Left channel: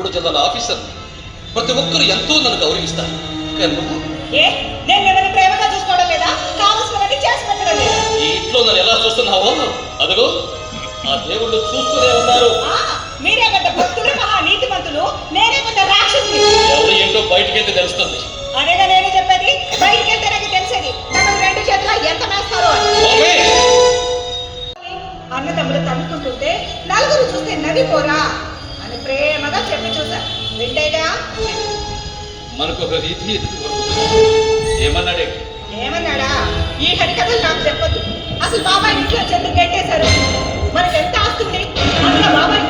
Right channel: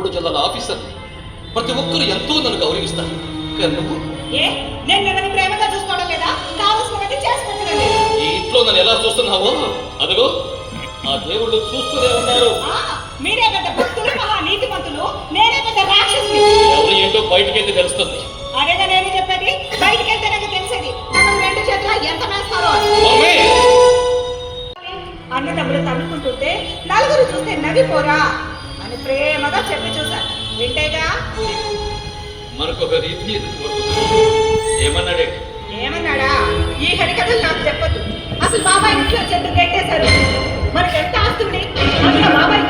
3 జిల్లాల ఆఫీసర్. ప్రతి ఒక్కరు ఎంతో నన్ను గౌరవిస్తారు. ప్రేమగా చూసుకోవడం లేదా? కావలసినవన్నీ చేసి పెట్టడం లేదా? ఈ ఇంట్లో నన్ను ఎలా చూస్తున్నావో అదిగో ఆ దేవుళ్ళు చూస్తూనే ఉన్నారు. మీరే పెద్ద భక్తులు, మహా నీతిమంతులు, నేనే పెద్ద రాక్షసుని. ఎవరు ఏంటో బయటకైతే తెలుస్తుంది. అదేగా నేనే చెప్పేది, బయటకెళ్తే నాకు తెలిసేది. తమ 2 చేతుల ఎంత వేస్తారో అన్నదమ్ములు తన్నుకుంటుంటే నలుగురు చూస్తే నవ్విపోరా అని ప్రేమగా చెప్పి చూసా. వింటేగా మనకొక రీతి ఏమన్నాడే? ఏమన్నాడా? ఈ హరికథలు నాకు చెప్పొద్దు. అసలు బాబాయ్ ఇంట్లో చెట్టు కట్టేశారు. మనకి ఎంత వస్తుంది? బాబాయ్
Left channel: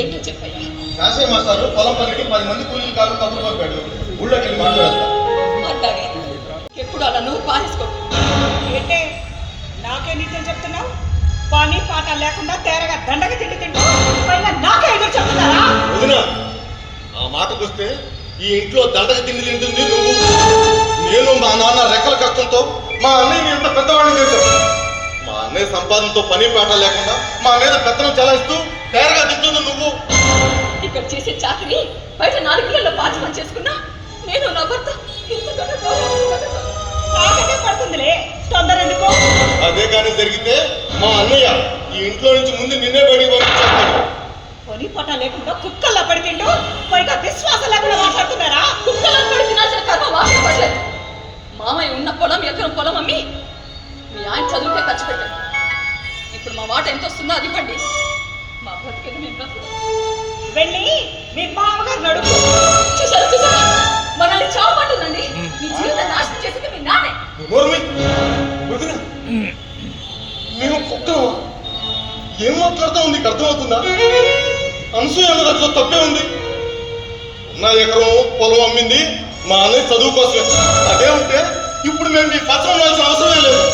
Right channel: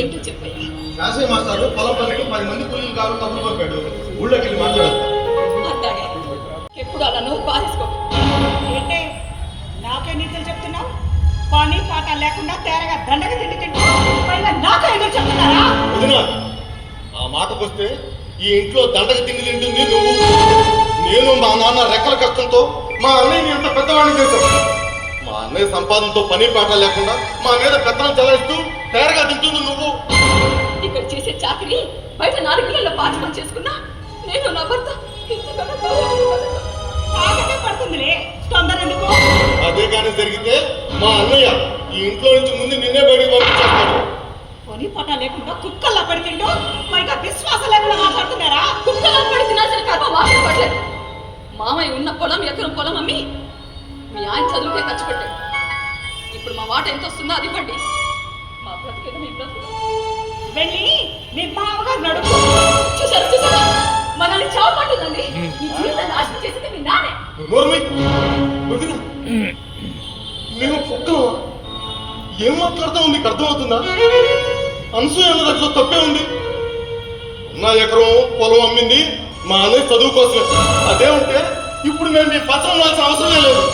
ఏంటో చెప్పయ్యా. కాసే మాస్టారు పొలం పనికి 10 మంది కూలీలు కాదు కబురు పంపాడు. ఊళ్ళోకి వెళ్ళి మాట్లాడతాం. ఎప్పుడు అలా నోరు పారేసుకో. ఏంటే నాకే నిత్యం చెప్తున్నావు? పని పాట లేకుండా తేరగా దండగా తింటుకుంటూ పైగా నాకే ఎదురు చెప్తున్నారా? వదినా, ఆ మాటకొస్తే ఈ ఇంట్లో దండగా తిండి తింటుంది నువ్వు. నేను మా నాన్న రెక్కల కష్టంతో మా అన్నయ్యని ఎంత పెద్దవాడిని చేశాను. మా అన్నయ్య సంపాదనతో పని పాట లేకుండా మా మీద పెత్తనం చలాయిస్తూ తేరగా తింటుంది నువ్వు. ఇక్కడ చేసే చాకరీ బయట 4 ఇళ్లలో పాచనం చేసుకున్నా నేను నా భర్త పడుతుందిలే. తొందర ఎందుకు? అదే కానీ జరిగితే మా అన్నయ్య ఈ ఇంట్లో నుంచి ముందు నిన్నే బయటికి పంపించేస్తాడు. పని పాట లేకుండా కుక్కల్లా పడికిండు పైగా విశ్వాసం లేకుండా మాట్లాడుతున్నారా? కుక్కలా పడి తినాల్సిన కర్మ మాట్లాడలేదు. మామయ్య ఉన్న పొలం ఎకరం పొలం అమ్మి మీ ఆయన చదువుకే ఖర్చు పెట్టాడు. ఇప్పుడు మా మాట ఎంత వస్తుందో అది ఇవ్వండి. మా బ్రతికేది మీ బ్రతుకు. వెళ్ళి మీ బావగారు నడుపు. చూసారా మనల్ని చావమంటుందండి. మీ జీవితం నాశనం చేసింది మీ నాన్నే. మేము కుక్కలు ఏం మాట్లాడుతూ ఉంది అర్థమవుతుందా? అనసూయ అన్న దాంట్లో తప్పే ఉంది. ఉన్న ఎకరం పొలం అమ్మింది మా అన్నయ్య చదువు కోసం. అదే ఉంటే ఇప్పుడు మేము మీ పత్రం రాల్సిన అవసరమే లేదు.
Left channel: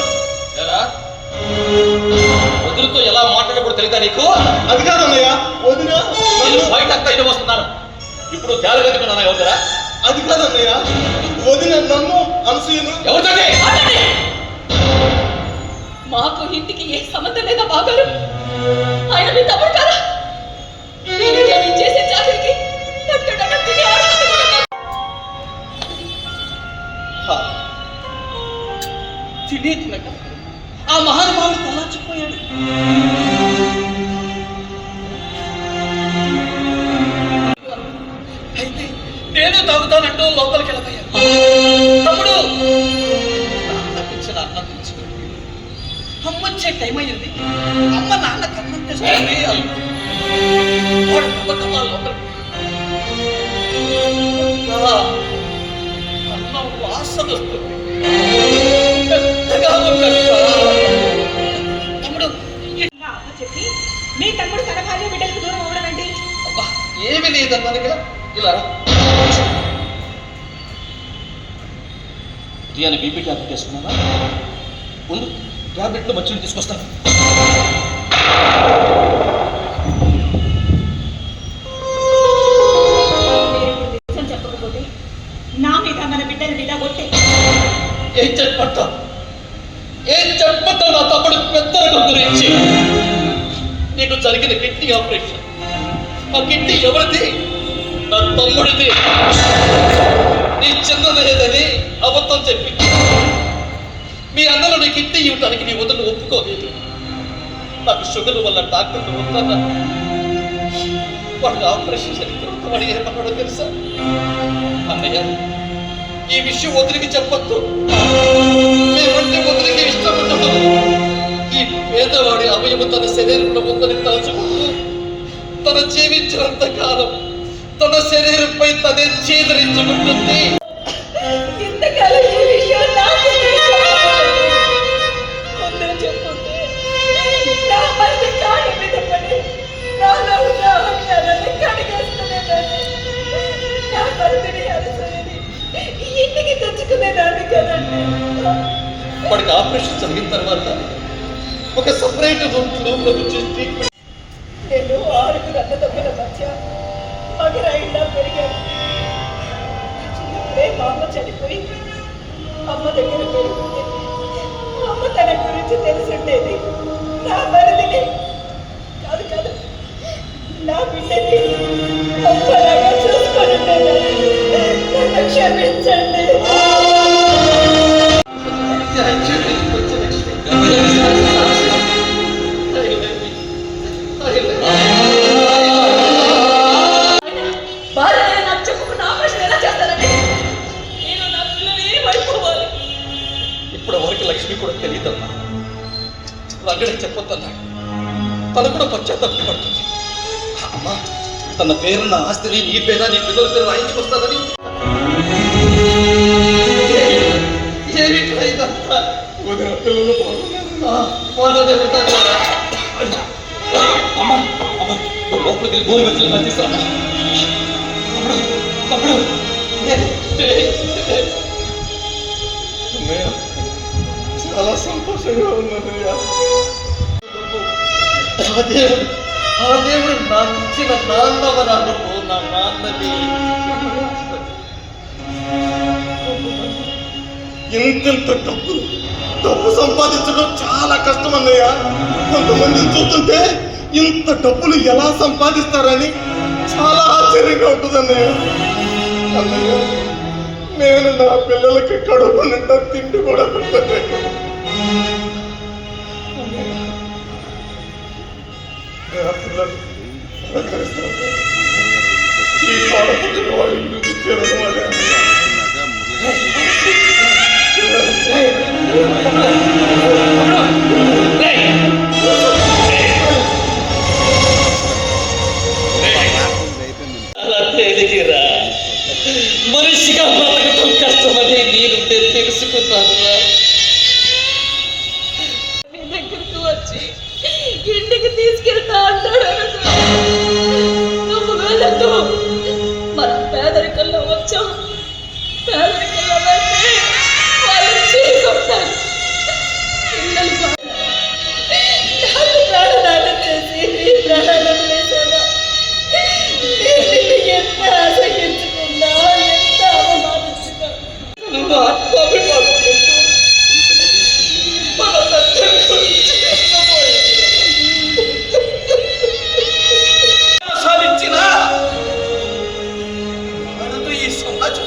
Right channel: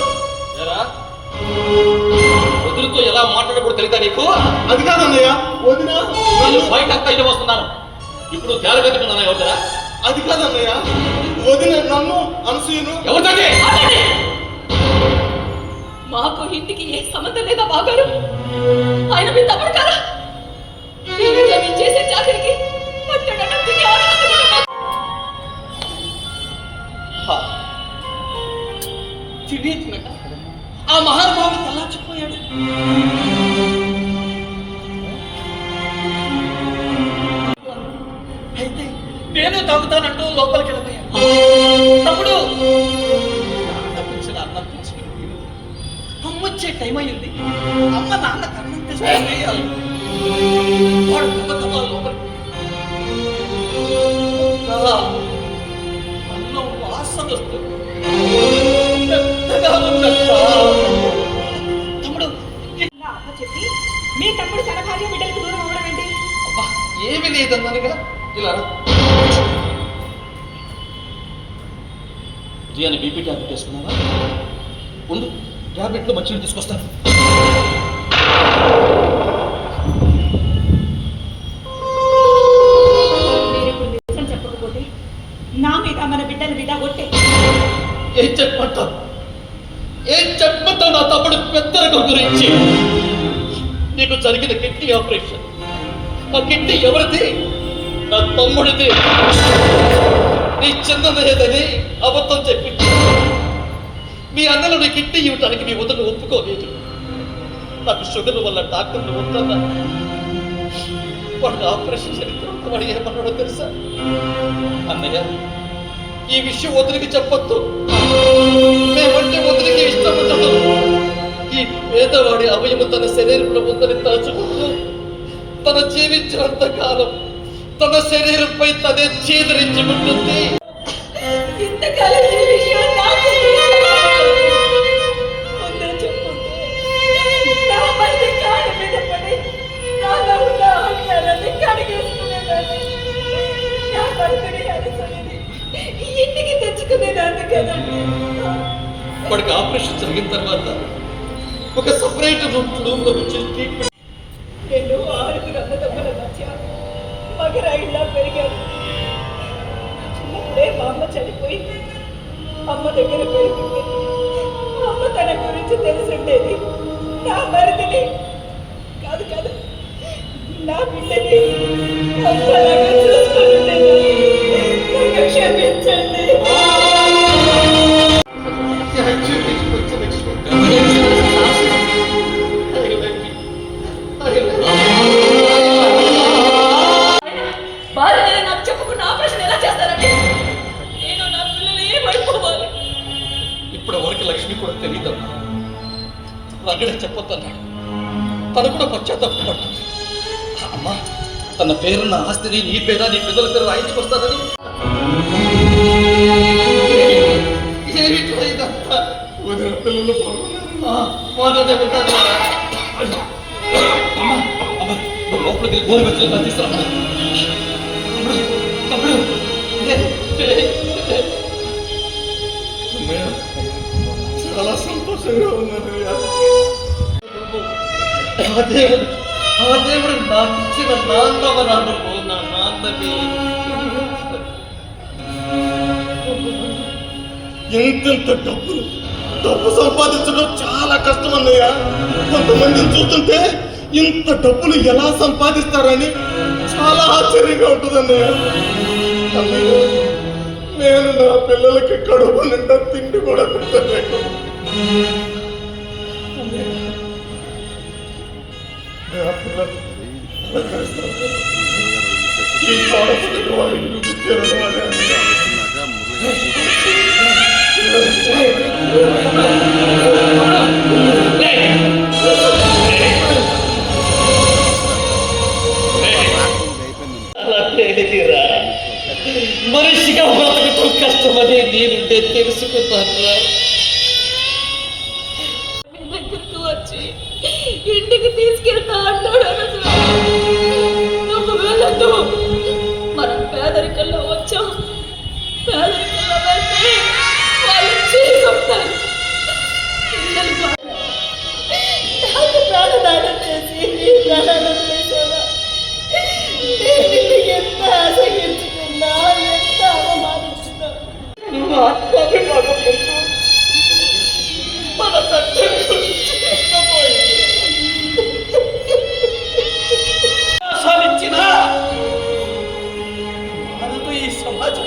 వదులుతో ఎలా మాట్లాడకూడదు తెలియదా నీకు? అది కాదన్నయ్య, వదినా నేను బయట అంతా ఇటు వస్తున్నాను. ఇప్పుడు తేలగట్టుకున్నా ఎవరురా? అది కాదన్నయ్య, వదిన నన్ను అనసూయను ఎవరితో? మాకు ఇంటికి ఏ సంబంధం లేదా బాగారు. ఆయన మీ తమ్ముడు కదా. మీరు చేసే చాకరికి తెలియదు నాకు. ఆ మహానుభావుడు తెల్లార్చిపోయాడు. అయితే నేను తాగుతానంటూ లోపలికి వెళ్ళిపోయాను. తమ్ముడు తప్పించిన అన్నం తెచ్చిన అమ్మ వచ్చే టైం అయ్యింది. అమ్మ నాన్న కన్నం తెచ్చుకుని అన్నం వాసన వస్తుంది. తమ్ముడు చెప్పి మీ తమ్ముడు తన భార్య బిడ్డలకు దూరం అవ్వడం ఏంటి? అబ్బా ఏమి లేదన్నానుగా. ఇలా రియాని బీపీ ట్యాబ్లెట్ వేసుకున్నావా? ముందు ట్యాబ్లెట్లో మంచిని తీసుకొస్తాను. చెప్పకపోతే నా మీద మన బిడ్డల మీద కొట్టే ఏం చెప్పంటావు? నా తమ్ముడు పెద్దరకం గురించి. నీకు జరిగిన కిడ్నీ ఆపరేషన్, ఆ కిడ్నీ ఎవరిది? నా తమ్ముడిది. నీ చిన్నదేదని అబద్ధం చెప్పింది. మీ అన్నలు నీ కిడ్నీ ఇవ్వడానికి నీ వద్ద ఒప్పుకోలేదు. నాకు షుగర్ వల్ల డాక్టర్లు వద్దన్నా. వాడు ఆపరేషన్ జరిగితే వాడు ఏమన్నాడో తెలుసా? అన్నయ్య, ఈ విషయం వదిలికి చెప్పొద్దు. మేమంటే వదిలికి ఇష్టం ఉండదు. ఈ పేదవాడి అవయవం తన శరీరంలో ఉందని తలుచుకుంటూ తన జీవించినంత కాలం తన శరీరంపై తనే చీదరించుకుంటుంది. ఇంతకాలం ఈ విషయం నాకు వాడికి ఆపరేషన్ జరిగిన తర్వాత ఒక సపరేట్ రూమ్లో చేసి నేను 6 అన్నదమ్ముల మధ్య మగరాయిలా పెరిగాను. చిన్నప్పుడే మా అమ్మ చనిపోయి అమ్మ దగ్గర పెరిగింది. అమ్మ తన గురించి తెలుసుండేది. నా మరిదిని కాదు కాదు నా బిడ్డని అమ్మలాగా చూసుకొని నన్ను క్షమించండి. భార్య నాకు చెప్పుకున్న ఆపరేషన్ ఎలా చేస్తానండి? నేను నా పిల్లలు ఏమైపోవాలి? ఇప్పుడు వరకు లక్ష్మి కూడా తెలియదమ్మా. రంగడే చెప్పొద్దన్నాడు. తను కూడా పశ్చాత్తాపడుతుంది. అమ్మా, తన పేరున్న ఆస్తిని నీ పేర నీ పిల్లల పేరు రాయించుకొస్తానని వదిన పిల్లలు లోపలికి గోరు వచ్చి మధ్యస్తాను. తమ్ముడు అన్నయ్య, చాలా సంతోషంగా ఉన్నదయ్యా. ఆ దేవుడు నాకు ఇచ్చిన నాన్నవ నాన్నకు నా నాన్నని ఎంతెంత డబ్బు సంపాదించడం చాలా కష్టం అన్నయ్య. కొంతమందిని చూస్తుంటే ఇంత డబ్బులు ఎలా సంపాదిస్తారని చాలా ఆశ్చర్యంగా ఉంటుంది అన్నయ్య. అన్నయ్య, నేను నా పిల్లలకి కడుపు నిండా తిండి కూడా పెట్టలేను. నా పిల్లలు ఈ పాడపుట్టిన వాడిని చూపించారు వాళ్ళే అన్నయ్య. అలా తేలికిరా. మనిషిగా బ్రతకటం కష్టమని నేనుంటే తెలుసుకున్నాను. నీ దగ్గరికి వచ్చి ఇంటికి తీసుకెళ్తా అన్నాడు. నువ్వు వెళ్ళదు. మనం పేదరికంలో వచ్చాం. పేదరికంలో వెళ్తే వాళ్ళు చేసుకుంటారు. పిల్లలు నాకు ప్రాణదానం చేసి నీ ప్రాణాలను వేసేవా? నేను ఎంత ఆశగించుకున్నా, ఎంత అవమానించుకున్నా నువ్వు ఆత్మాభిమానం పెట్టు. మన రక్తం గురించి సాధించిన మనతో ఈ సమాజం